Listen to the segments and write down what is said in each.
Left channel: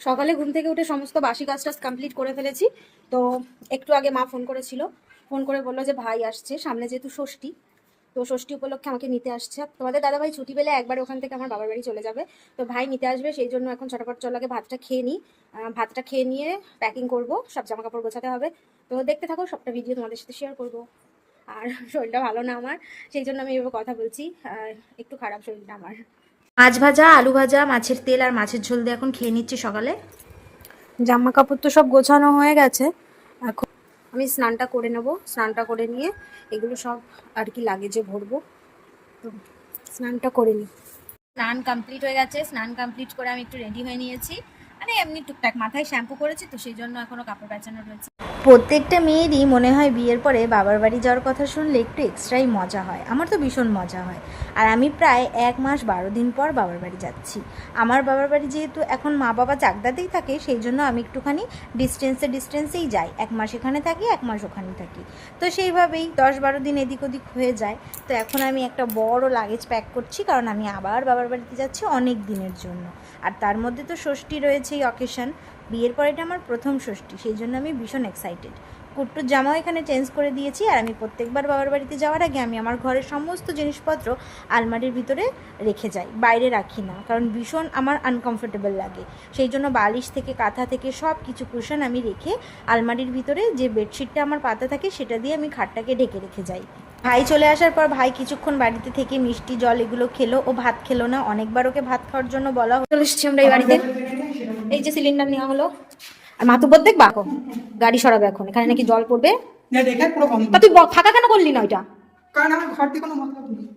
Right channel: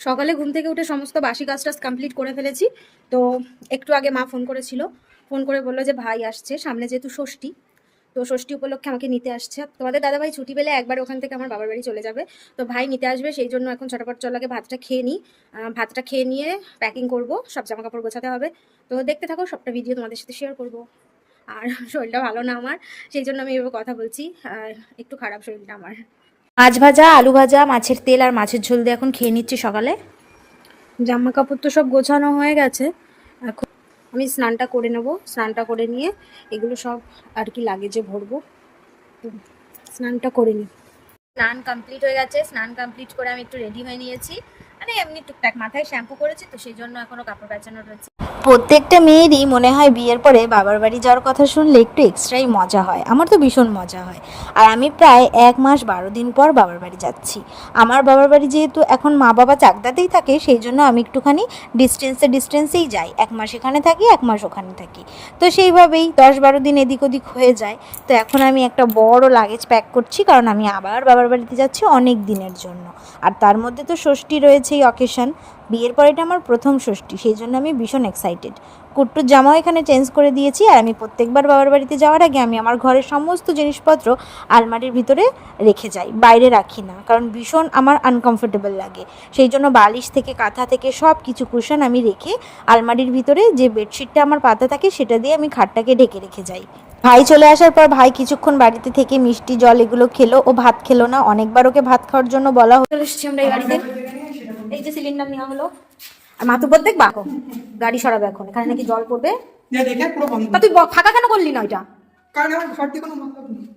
সকালে ঘুম থেকে উঠে সমস্ত বাসি কাজ টাজ কমপ্লিট করে ফেলেছি। তো একটু আগে মা ফোন করেছিল, ফোন করে বললো যে ভাই আসছে, সামনে যেহেতু ষষ্ঠী, তো ষষ্ঠী উপলক্ষে আমাকে নিতে আসছে। তোমাদের দাদাভাই ছুটি পেলে একবার ওখান থেকে আমার বাবার বাড়ি চলে যাবে, তো ভাই নিতে আসবে, সেই জন্য এখন ছটাপট চল আগে ভাতটা খেয়ে নিই। ভাতটা খেয়ে নিয়ে প্যাকিং করব, সব জামা কাপড় গোছাতে হবে। তো দেখতে থাকো, সবটা ভিডিও তোমাদের সাথে শেয়ার করব। আর শরীরটা ভালো না আমার, সেই জন্য আমি এভাবে কথা বলছি, একটু খারাপ শরীরটা আমার। মাছ ভাজা, আলু ভাজা, মাছের তেল আর মাছের ঝোল দিয়ে এখন খেয়ে নিচ্ছি সকালে। জামা কাপড় তো সব গোছানো হয়ে গেছে, এখন আমি স্নানটা করে নেব। স্নানটা করে নিয়ে এগুলো সব আর কি লাগেজে ভরবো, তো স্নানটা করে নিই। স্নান কমপ্লিট হয়ে গেছে, স্নান কমপ্লিট করে আমি একটু রেডি হয়ে নিয়েছি, মানে এমনি টুকটাক মাথায় শ্যাম্পু করেছি, তো সেই জন্য এখনো কাপড় প্যাঁচানো রয়েছে। প্রত্যেকটা মেয়েরই মনে হয় বিয়ের পরে বাবার বাড়ি যাওয়ার কথা শুনলে একটু এক্সট্রাই মজা হয়। আমার তো ভীষণ মজা হয়। আর আমি প্রায় 1 মাস 12 দিন পর বাবার বাড়ি যাচ্ছি। আমার বাবার বাড়ি যেহেতু এখন মা বাবা চাকদাতেই থাকে, সেই জন্য আমি একটুখানি ডিস্টেন্সেই যাই। 1 মাস এখানে থাকি, 1 মাস ওখানে থাকি, তো সেইভাবেই 10-12 দিন এদিক ওদিক হয়ে যায়। তো এখন আমি একটা বড় লাগেজ প্যাক করছি, কারণ আমি আবার বাবার বাড়িতে যাচ্ছি অনেক দিনের জন্য। আর তার মধ্যে তো ষষ্ঠী রয়েছে, এই অকেশন। বিয়ের পর এটা আমার প্রথম ষষ্ঠী, সেই জন্য আমি ভীষণ এক্সাইটেড। কুট্টুর জামাও এখানে চেঞ্জ করে দিয়েছি। আর আমি প্রত্যেকবার বাবার বাড়িতে যাওয়ার আগে আমি আমার ঘরের সমস্ত জিনিসপত্র আলমারির ভিতরে রেখে যাই, বাইরে রাখি না, কারণ ভীষণ আমার আনকমফোর্টেবল লাগে। সেই জন্য বালিশ থেকে কাঁথা থেকে সব কিছু কুশন আমি রেখে আলমারির ভিতরে যে বেডশিটটা আমার পাতা থাকে সেটা দিয়ে আমি খাটটাকে ঢেকে রেখে যাই। ভাই চলে আসার পর ভাই কিছুক্ষণ বাড়িতে থেকে মিষ্টি জল এগুলো খেলো, ও ভাত খেলো না, অনেকবার ওকে ভাত খাওয়ার জন্য বলা হলো। চলে এসেছি আমরা এই বাড়িতে, এই যে সিলিন্ডার নেওয়া হলো। আর মাতুব্বর দেখবা, গাড়ি সরাবে এখন, এখানে নাকি জল পড়বে। তুই ফাঁকা কেন করলি না ওইটা?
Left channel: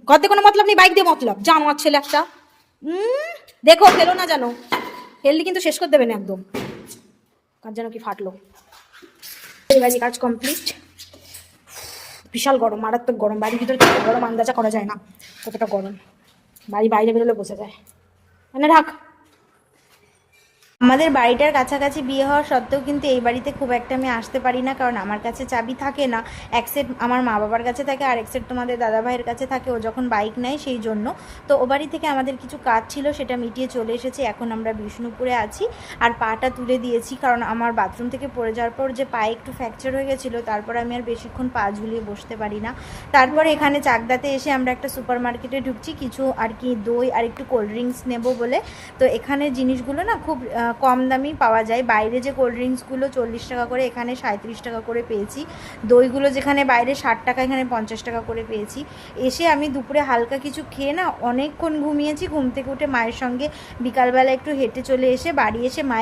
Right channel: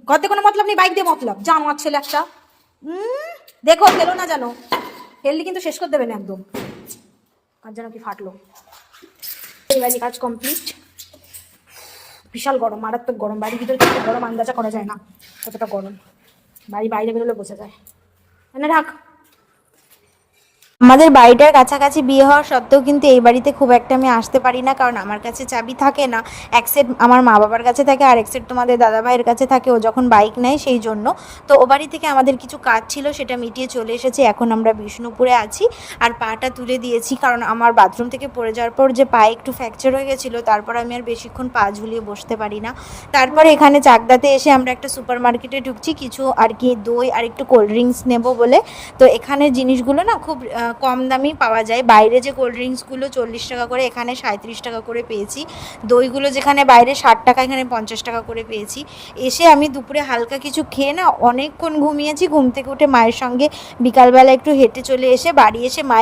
ঘরতে কোনো মতলব নেই, বাইক দিয়ে মতলব, যা আমার ছেলে একটা। দেখো ফেলো না জানো, ফেললি কিন্তু শেষ করে দেবে না একদম। কাজ যেন কি ফাটলো। এই আগে কাজ কমপ্লিট। বিশাল গরম, মারাত্মক গরম, বাড়ির ভিতরে গরম আন্দাজা করা যায় না কতটা গরম। বাড়ি বাইরে বেরোলে বোঝা যায়। মানে রাখ। আমাদের বাড়িটার কাছাকাছি বিয়ে হওয়া সত্ত্বেও কিন্তু এই বাড়িতে খুব একটা আমি আসতে পারি না, কারণ আমার কাছে চাবি থাকে না। এক সেট আমার মা বাবার কাছে থাকে, আর এক সেট তোমাদের দাদাভাইয়ের কাছে থাকে, ও যখন বাইক নেয় সেই জন্য। তো ও বাড়ি থেকে আমাদের কিছু কাজ ছিল, সেটা মিটিয়ে চলে এসেছে। এখন আমরা বিষ্ণুপুরে আছি, আর পাটা তুলে দিয়েছি, কারণ আমার বাথরুম থেকে পড়ে যাওয়ার পর যে পায়ে একটু ফ্র্যাকচার হয়ে গেছিলো, তারপর আমি আর বেশিক্ষণ পা ঝুলিয়ে বসতে পারি না। তারপরে এখানে চাকদাতে এসে আমরা একটা সুপার মার্কেটে ঢুকছি, কিছু আর কি দই আর একটু কোল্ড ড্রিঙ্কস নেবো বলে। তো এখানে জিনিসগুলো না খুব কম দামেই পাওয়া যায়। বাইরে যে কোল্ড ড্রিঙ্কসগুলো 40 টাকা করে, এখানে 37 টাকা করে পেয়েছি। দইগুলো যেখানে বাইরে 60 টাকা, এখানে 50 টাকা করে পেয়েছি। এসে আমি দুপুরে হালকা কিছু খেয়ে না অনেকক্ষণ ঘুমিয়েছি। ঘুম থেকে উঠে মায়ের সঙ্গে বিকালবেলা একটু হেঁটে চলে এসে বাড়ি এসে মায়ের